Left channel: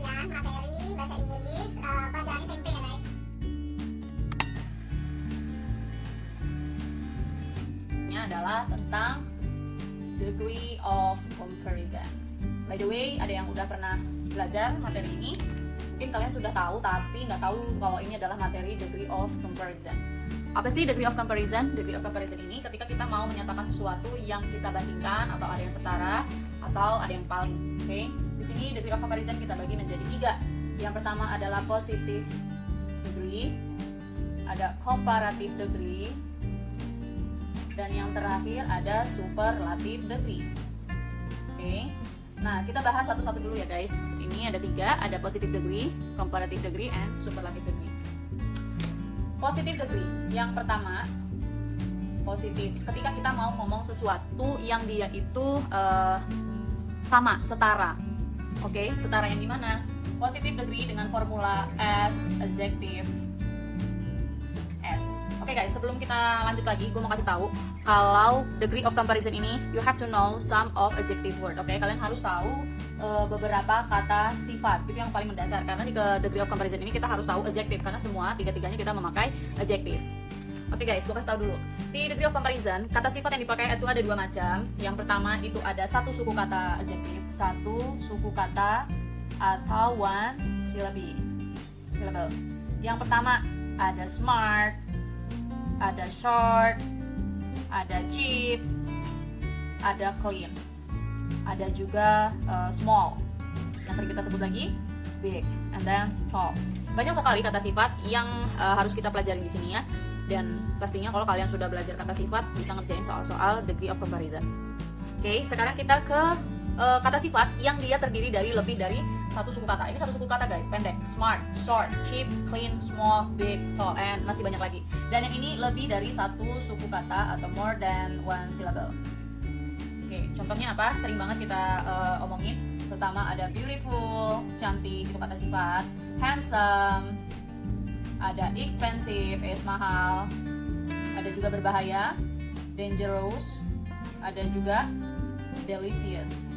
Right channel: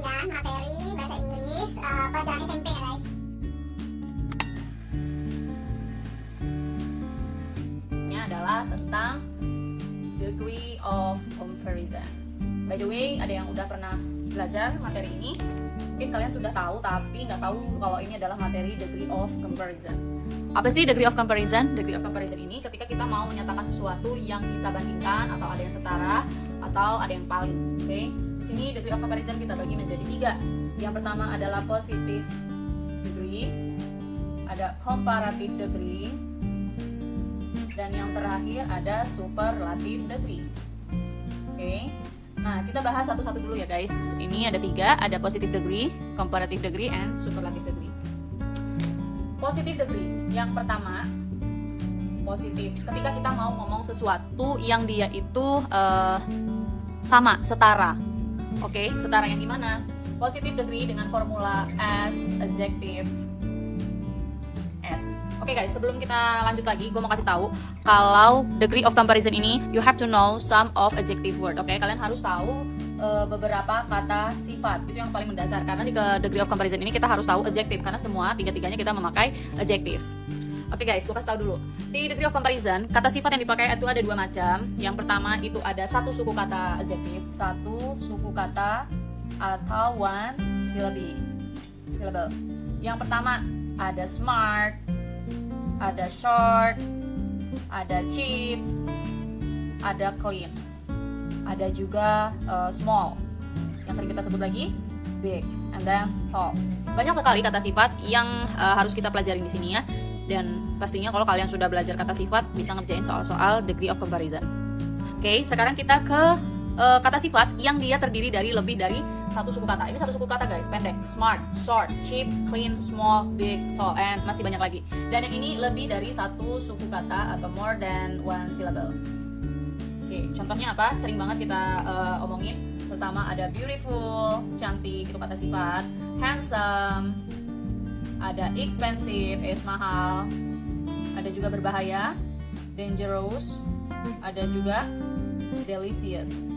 kalian materi bahasa Inggris pelajaran SMP ya guys. Ini adalah tentang degree of comparison. By the way, ada yang udah pernah belajar materi ini? Mungkin kalian sudah tahu, tapi nggak tahu kalau ini adalah materi degree of comparison. Apa sih degree of comparison? Degree of comparison ini ketika kita mau menyatakan sesuatu yang kita bandingkan, atau ada yang setara, atau ada yang paling. Oke? Di sini degree of comparison kita bagi menjadi 3. Yang pertama adalah positive degree, ada comparative degree, dan yang terakhir ada superlative degree. Oke? Nah, kita bahas satu-satu dulu ya guys. Ini ada 3, ada positive degree, comparative degree, and superlative degree. Positive degree, yang pertama, positif. Ketika kita mau ngomong sesuatu yang dia itu sama, setara. Oke, setara yang gimana? Positive degree dengan formula S, adjective S. Oke guys, sebelum kita lanjut lagi, gue mau kasih tahu kalau degree of comparison ini you have to know some of adjective word. Oke, kalian harus tahu beberapa kata sifat. Itu yang paling mendasar, karena di degree of comparison ini kita harus tahu adjective, karena semua tiga-tiganya kita memakai adjective. Oke guys, gue kasih tahu dulu. Di degree of comparison, kata sifat yang dipakai itu ada 2 macam. Yang pertama itu ada 1 suku kata adjective, 1 suku kata atau 1 syllable. Yang pertama ada smart, ada short, ada cheap, ada clean, ada juga small, yang sering kita sebut lagi big, and then tall. Banyak sekali kata sifat yang harus kita pelajarin di sini ya. Dan pastinya kalau kalian sudah belajar kata sifat bisa ngerjain soal-soal degree of comparison. Oke, sekarang kita ke kata sifat yang dia terdiri dari lebih dari 1 suku kata. Ini 1 suku kata guys, pendek. Smart, short, cheap, clean, small, big, tall, and masih banyak lagi. Dan yang ini lebih dari 1 suku kata atau more than 1 syllable. Oke, contohnya apa? Sering banget kita omongin. Pertama ada beautiful, cantik, itu kata sifat. Handsome, ada expensive, mahal. Ada juga berbahaya, dangerous. Ada juga delicious.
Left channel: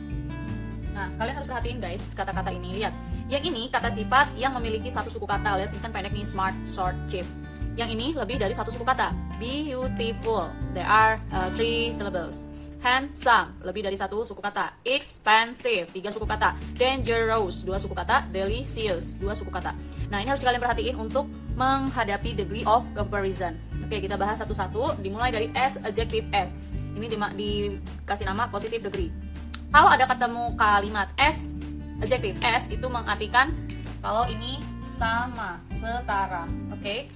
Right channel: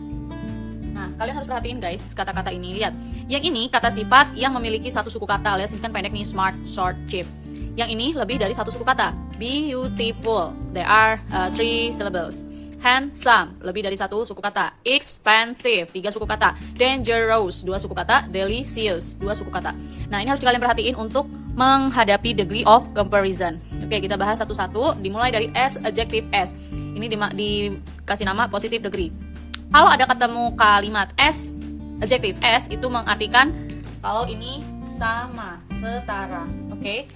Nah, kalian harus perhatiin guys kata-kata ini. Lihat, yang ini kata sifat yang memiliki 1 suku kata, alias ini kan pendek nih, smart, short, cheap. Yang ini lebih dari 1 suku kata. Beautiful, there are 3 syllables. Handsome, lebih dari 1 suku kata. Expensive, 3 suku kata. Dangerous, 2 suku kata. Delicious, 2 suku kata. Nah, ini harus kalian perhatiin untuk menghadapi degree of comparison. Oke, kita bahas satu-satu. Dimulai dari S, adjective S. Ini dikasih nama positive degree. Kalau ada ketemu kalimat S, adjective S itu mengartikan kalau ini sama, setara. Oke,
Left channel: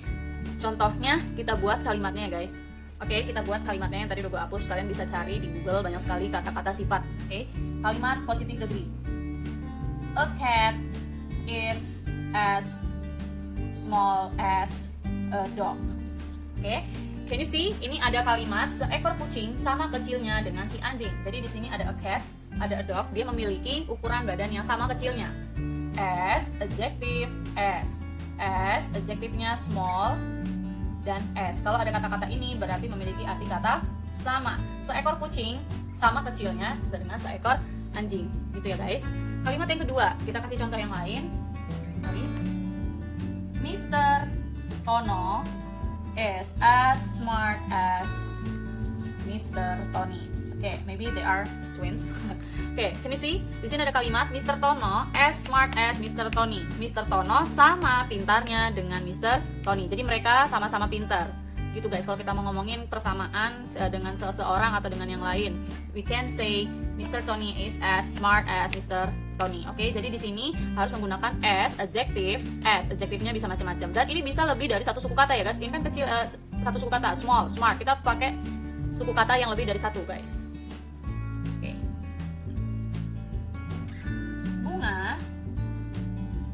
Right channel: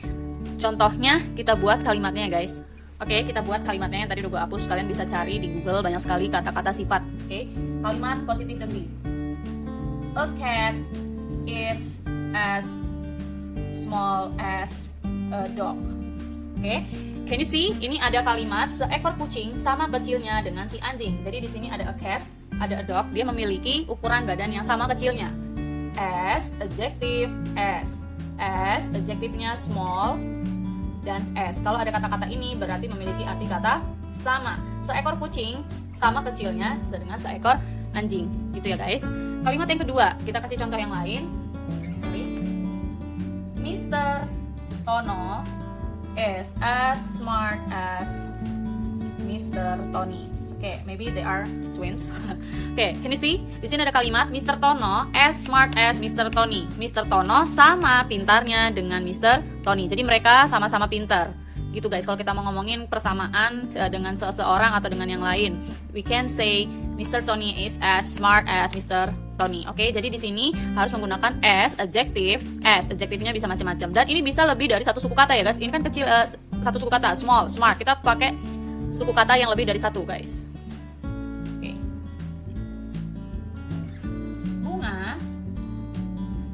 contohnya kita buat kalimatnya guys. Oke, kita buat kalimatnya yang tadi udah gue hapus. Kalian bisa cari di Google, banyak sekali kata-kata sifat. Oke, kalimat positive degree. A cat is as small as a dog. Oke, can you see? Ini ada kalimat seekor kucing sama kecilnya dengan si anjing. Jadi di sini ada a cat, ada a dog, dia memiliki ukuran badan yang sama kecilnya. S, adjective S. S, adjektifnya small, dan S. Kalau ada kata-kata ini berarti memiliki arti kata sama. Seekor kucing sama kecilnya dengan seekor anjing. Gitu ya guys. Kalimat yang kedua, kita kasih contoh yang lain. Mr. Tono is as smart as Mr. Tony. Oke, maybe they are twins. Oke, can you see? Di sini ada kalimat Mr. Tono as smart as Mr. Tony. Mr. Tono sama pintarnya dengan Mr. Tony. Jadi mereka sama-sama pintar. Gitu guys, kalau kita mau ngomongin persamaan dengan seseorang atau dengan yang lain, we can say Mr. Tony is as smart as Mr. Tony. Oke, jadi di sini harus menggunakan as, adjective. As, adjektifnya bisa macam-macam. Dan ini bisa lebih dari 1 suku kata ya guys. Ini kan kecil, 1 suku kata, small, smart. Kita pakai suku kata yang lebih dari 1 guys. Oke. Bunga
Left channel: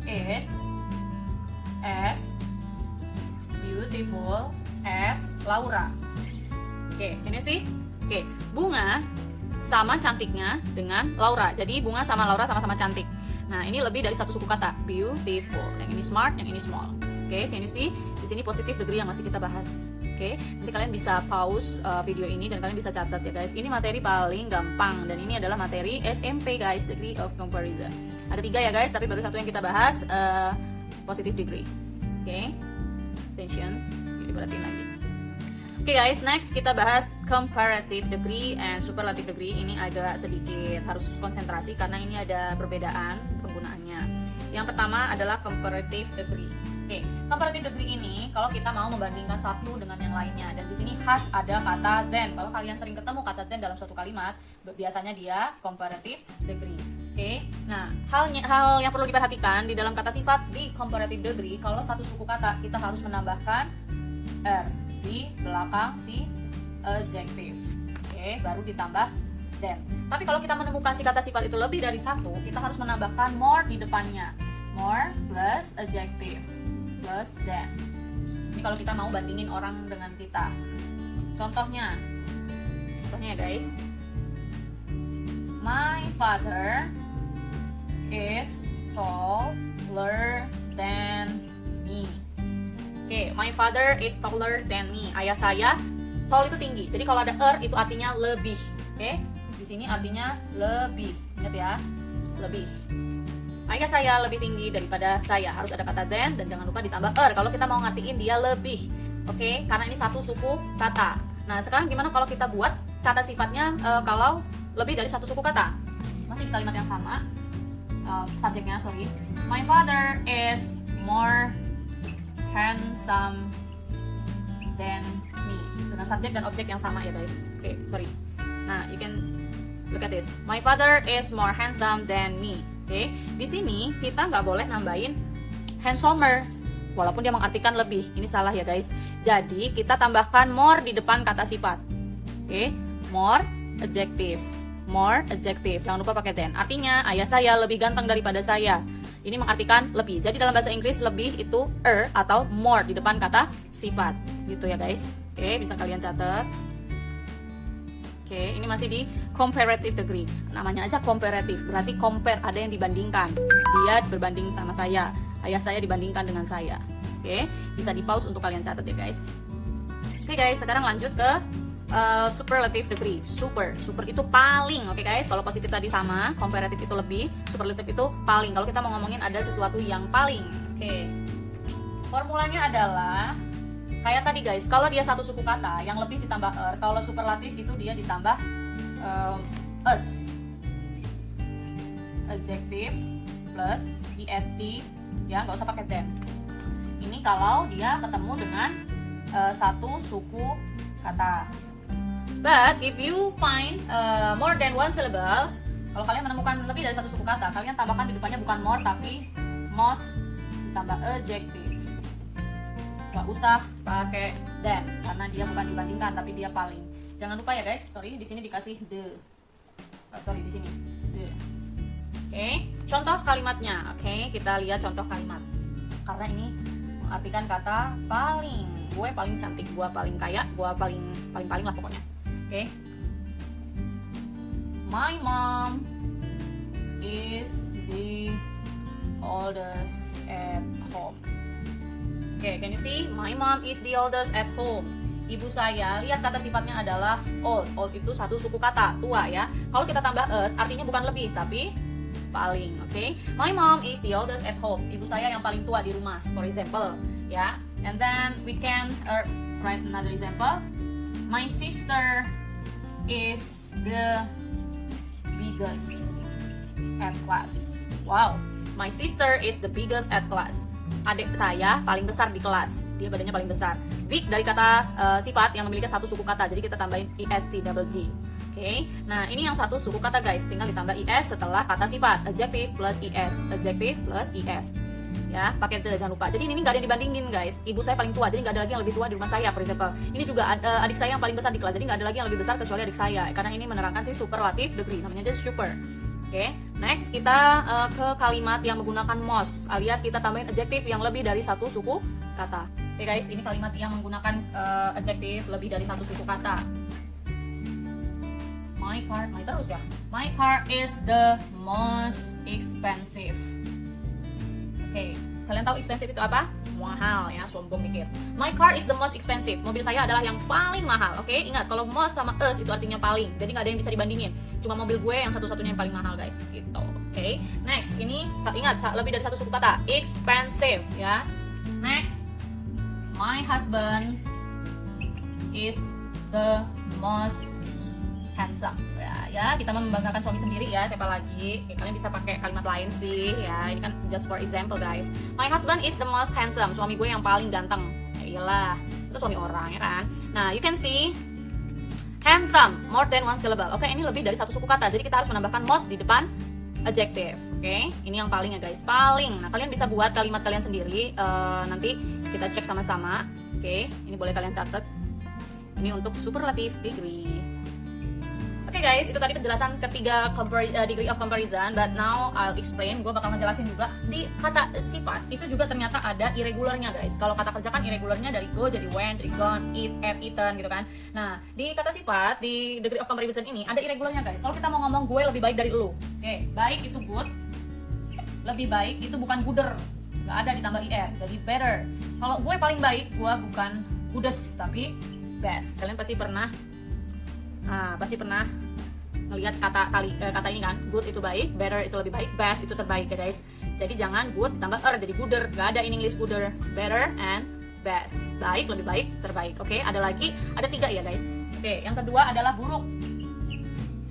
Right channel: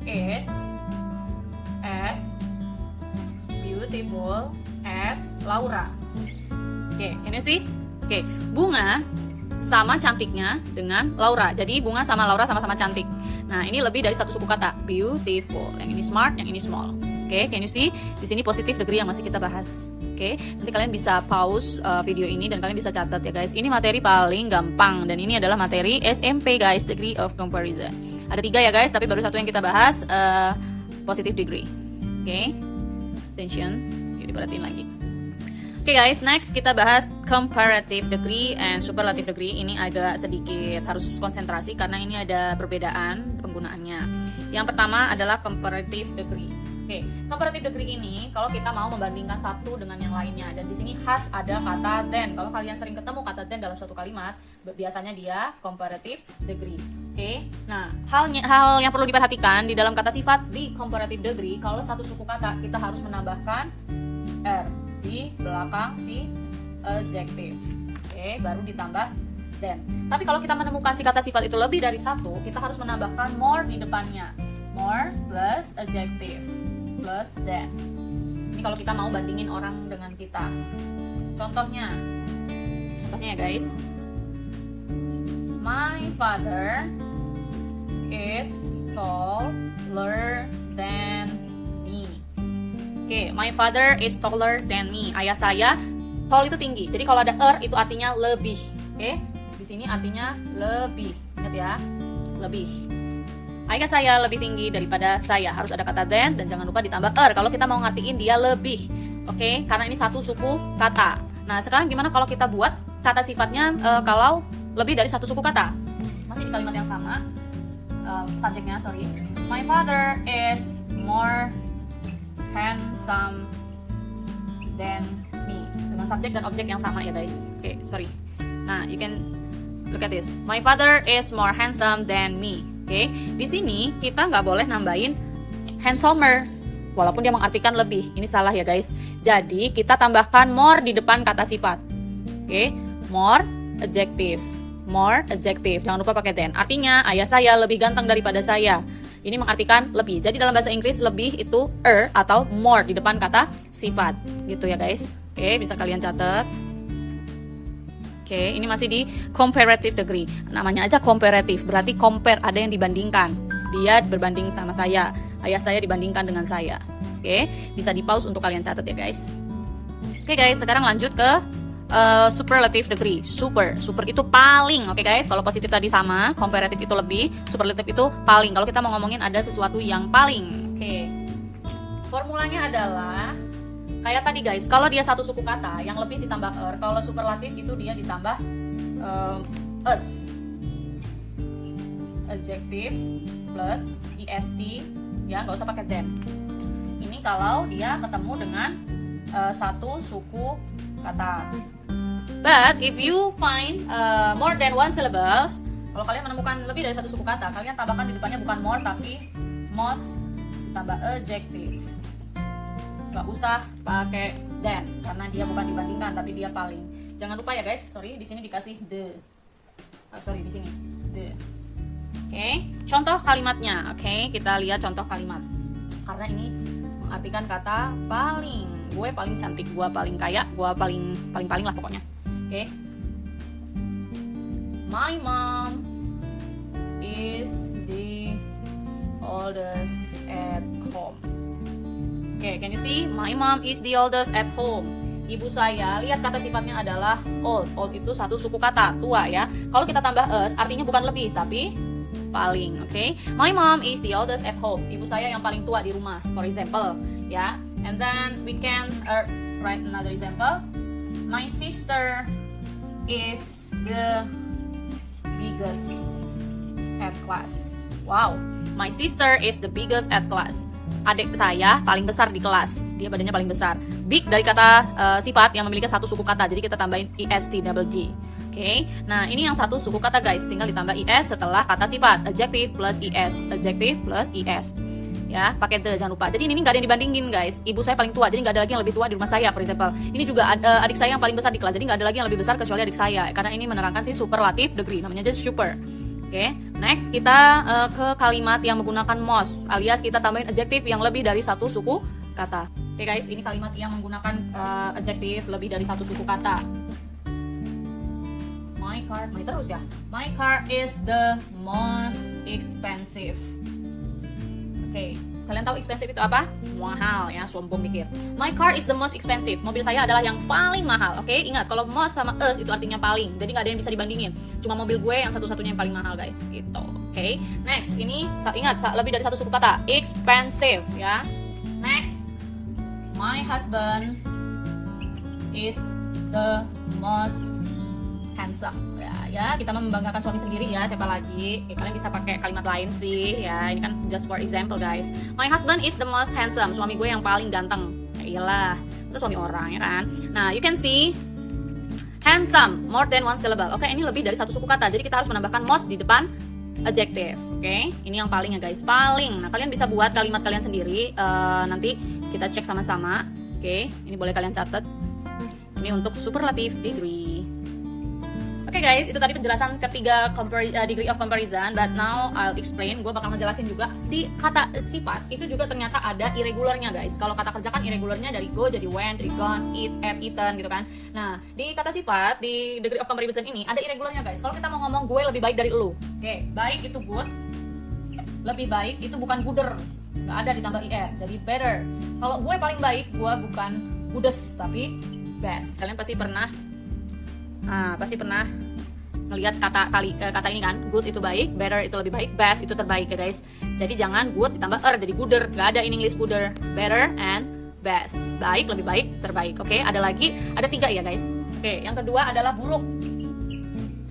is as beautiful as Laura. Oke, can you see? Oke, bunga sama cantiknya dengan Laura. Jadi bunga sama Laura sama-sama cantik. Nah, ini lebih dari 1 suku kata. Beautiful. Yang ini smart, yang ini small. Oke, can you see? Di sini positive degree yang masih kita bahas. Oke, nanti kalian bisa pause video ini dan kalian bisa catat ya guys. Ini materi paling gampang dan ini adalah materi SMP guys, degree of comparison. Ada 3 ya guys, tapi baru 1 yang kita bahas, positive degree. Oke, attention, yuk diperhatiin lagi. Oke guys, next kita bahas comparative degree and superlative degree. Ini agak sedikit harus konsentrasi karena ini ada perbedaan penggunaannya. Yang pertama adalah comparative degree. Oke, comparative degree ini kalau kita mau membandingkan satu dengan yang lainnya, dan di sini khas ada kata then. Kalau kalian sering ketemu kata then dalam suatu kalimat, biasanya dia comparative degree. Oke, nah hal yang perlu diperhatikan di dalam kata sifat di comparative degree, kalau satu suku kata kita harus menambahkan er di belakang si adjective. Oke, baru ditambah then. Tapi kalau kita menemukan si kata sifat itu lebih dari 1, kita harus menambahkan more di depannya. More plus adjective plus then. Ini kalau kita mau bandingin orang dengan kita. Contohnya ya guys, my father is taller than me. Oke, my father is taller than me. Ayah saya, tall itu tinggi. Jadi kalau ada itu artinya lebih. Oke, di sini artinya lebih. Ingat ya, lebih. Ayah saya lebih tinggi daripada saya. Harus ada kata then dan jangan lupa ditambah kalau kita mau ngartiin dia lebih. Oke, karena ini satu suku kata. Nah, sekarang gimana kalau kita buat kata sifatnya kalau lebih dari satu suku kata? Masih di kalimat yang sama. Subjeknya, sorry. My father is more handsome than me. Dengan subjek dan objek yang sama ya guys. Oke, sorry. Nah, you can look at this. My father is more handsome than me. Oke, di sini kita nggak boleh nambahin handsomer, walaupun dia mengartikan lebih. Ini salah ya guys. Jadi kita tambahkan more di depan kata sifat. Oke, more adjective, more adjective. Jangan lupa pakai then. Artinya ayah saya lebih ganteng daripada saya. Ini mengartikan lebih. Jadi dalam bahasa Inggris lebih itu atau more di depan kata sifat. Gitu ya guys. Oke, bisa kalian catat. Oke, ini masih di comparative degree. Namanya aja comparative, berarti compare, ada yang dibandingkan. Dia berbanding sama saya, ayah saya dibandingkan dengan saya. Oke, bisa di pause untuk kalian catat ya guys. Oke guys, sekarang lanjut ke superlative degree. Super itu paling. Oke guys, kalau positif tadi sama, comparative itu lebih, superlative itu paling. Kalau kita mau ngomongin ada sesuatu yang paling. Oke, formulanya adalah kayak tadi guys, kalau dia satu suku kata yang lebih ditambah kalau superlatif itu dia ditambah us. Adjective plus est, ya nggak usah pakai then. Ini kalau dia ketemu dengan satu suku kata. But if you find more than one syllables, kalau kalian menemukan lebih dari satu suku kata, kalian tambahkan di depannya bukan more tapi most ditambah adjective. Gak usah pakai then karena dia bukan dibandingkan tapi dia paling. Jangan lupa ya guys, sorry di sini dikasih the. Sorry di sini the. Oke, contoh kalimatnya. Oke, kita lihat contoh kalimat. Karena ini mengartikan kata paling. Gue paling cantik, gue paling kaya, gue paling lah pokoknya. Oke. My mom is the oldest at home. Oke, can you see? My mom is the oldest at home. Ibu saya, lihat kata sifatnya adalah old. Old itu satu suku kata, tua ya. Kalau kita tambah us, artinya bukan lebih, tapi paling. Oke, my mom is the oldest at home. Ibu saya yang paling tua di rumah, for example, ya. And then we can write another example. My sister is the biggest at class. Wow, my sister is the biggest at class. Adik saya paling besar di kelas. Dia badannya paling besar. Big dari kata sifat yang memiliki satu suku kata. Jadi kita tambahin est double g. Oke. Nah, ini yang satu suku kata guys. Tinggal ditambah is setelah kata sifat. Adjective plus is. Adjective plus is. Ya, pakai the jangan lupa. Jadi ini nggak ada yang dibandingin guys. Ibu saya paling tua. Jadi nggak ada lagi yang lebih tua di rumah saya, for example. Ini juga adik saya yang paling besar di kelas. Jadi nggak ada lagi yang lebih besar kecuali adik saya. Karena ini menerangkan si superlative degree. Namanya aja super. Oke, next kita ke kalimat yang menggunakan most, alias kita tambahin adjective yang lebih dari satu suku kata. Oke guys, ini kalimat yang menggunakan adjective lebih dari satu suku kata. My car is the most expensive. Oke, Kalian tahu expensive itu apa? Mahal ya, sombong dikit. My car is the most expensive. Mobil saya adalah yang paling mahal. Oke, ingat kalau most sama us itu artinya paling. Jadi nggak ada yang bisa dibandingin. Cuma mobil gue yang satu-satunya yang paling mahal, guys. Gitu. Oke. Next, ini ingat lebih dari satu suku kata. Expensive ya. Next, my husband is the most handsome. Ya, kita membanggakan suami sendiri ya, siapa lagi? Kalian bisa pakai kalimat lain sih ya. Ini kan just for example, guys. My husband is the most handsome. Suami gue yang paling ganteng. Ya iyalah, itu suami orang ya kan. Nah, you can see handsome more than one syllable. Oke, ini lebih dari satu suku kata. Jadi kita harus menambahkan most di depan adjective. Oke, ini yang paling ya guys, paling. Nah, kalian bisa buat kalimat kalian sendiri. Nanti kita cek sama-sama. Oke, ini boleh kalian catat. Ini untuk superlative degree. Oke guys, itu tadi penjelasan ketiga degree of comparison. But now I'll explain. Gue bakal ngejelasin juga di kata sifat itu juga ternyata ada irregularnya guys. Kalau kata kerja kan irregularnya dari go jadi went, dari gone, eat, ate, eaten gitu kan. Nah di kata sifat di degree of comparison ini ada irregularnya guys. Kalau kita mau ngomong gue lebih baik dari lu, oke, baik itu good, lebih baik itu bukan gooder, nggak ada ditambah er, jadi better. Kalau gue paling baik, gue bukan goodest tapi best. Kalian pasti pernah ngelihat kata ini kan, good itu baik, better itu lebih baik, best itu terbaik ya guys. Jadi jangan good ditambah jadi gooder, nggak ada in English gooder, better and best, baik, lebih baik, terbaik. Oke, ada lagi, ada 3 ya guys. Oke, yang kedua adalah buruk.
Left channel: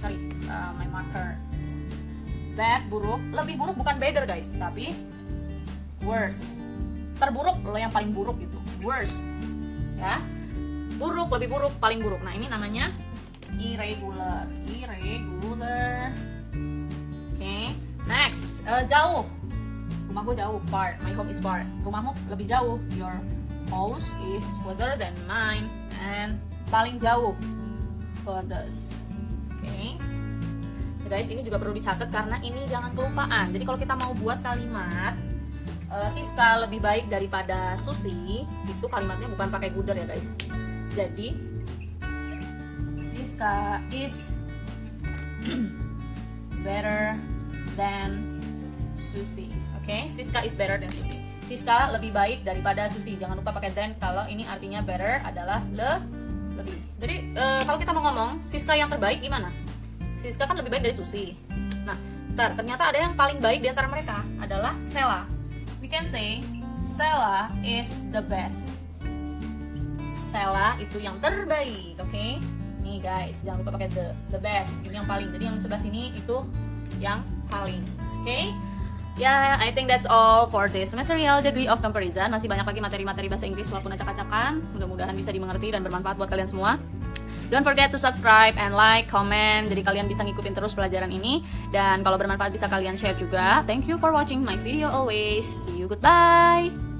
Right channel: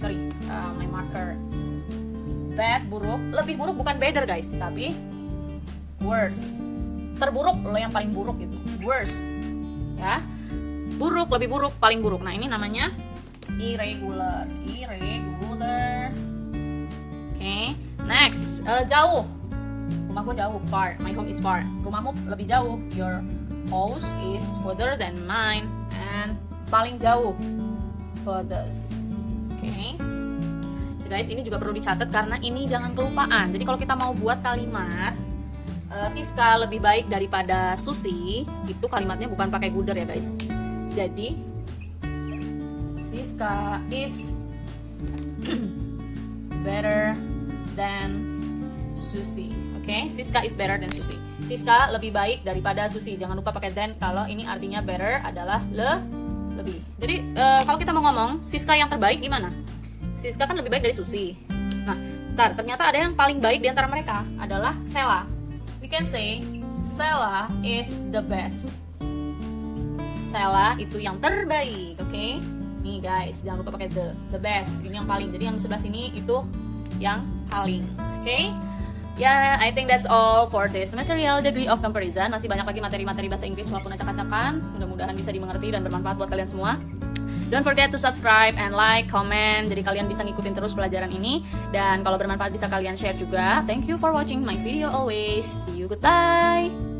Sorry, my marker. Bad, buruk, lebih buruk bukan better guys, tapi worse. Terburuk lo yang paling buruk itu, worst ya. Buruk, lebih buruk, paling buruk. Nah ini namanya irregular. Oke, next, jauh. Rumah gue jauh, far. My home is far. Rumahmu lebih jauh. Your house is further than mine. And paling jauh, furthest. Oke. Guys, ini juga perlu dicatat karena ini jangan kelupaan. Jadi kalau kita mau buat kalimat Siska lebih baik daripada Susi, itu kalimatnya bukan pakai gooder ya guys. Jadi Siska is better than Susi. Oke, Siska is better than Susi. Siska lebih baik daripada Susi. Jangan lupa pakai than kalau ini artinya better adalah lebih. Jadi kalau kita mau ngomong Siska yang terbaik gimana? Siska kan lebih baik dari Susi. Nah, ternyata ada yang paling baik di antara mereka adalah Sela. We can say Sela is the best. Sela itu yang terbaik, oke? Nih guys, jangan lupa pakai the best. Ini yang paling. Jadi yang sebelah sini itu yang paling, oke? Ya, I think that's all for this material degree of comparison. Masih banyak lagi materi-materi bahasa Inggris walaupun acak-acakan. Mudah-mudahan bisa dimengerti dan bermanfaat buat kalian semua. Don't forget to subscribe and like, comment. Jadi kalian bisa ngikutin terus pelajaran ini. Dan kalau bermanfaat bisa kalian share juga. Thank you for watching my video always. See you, goodbye.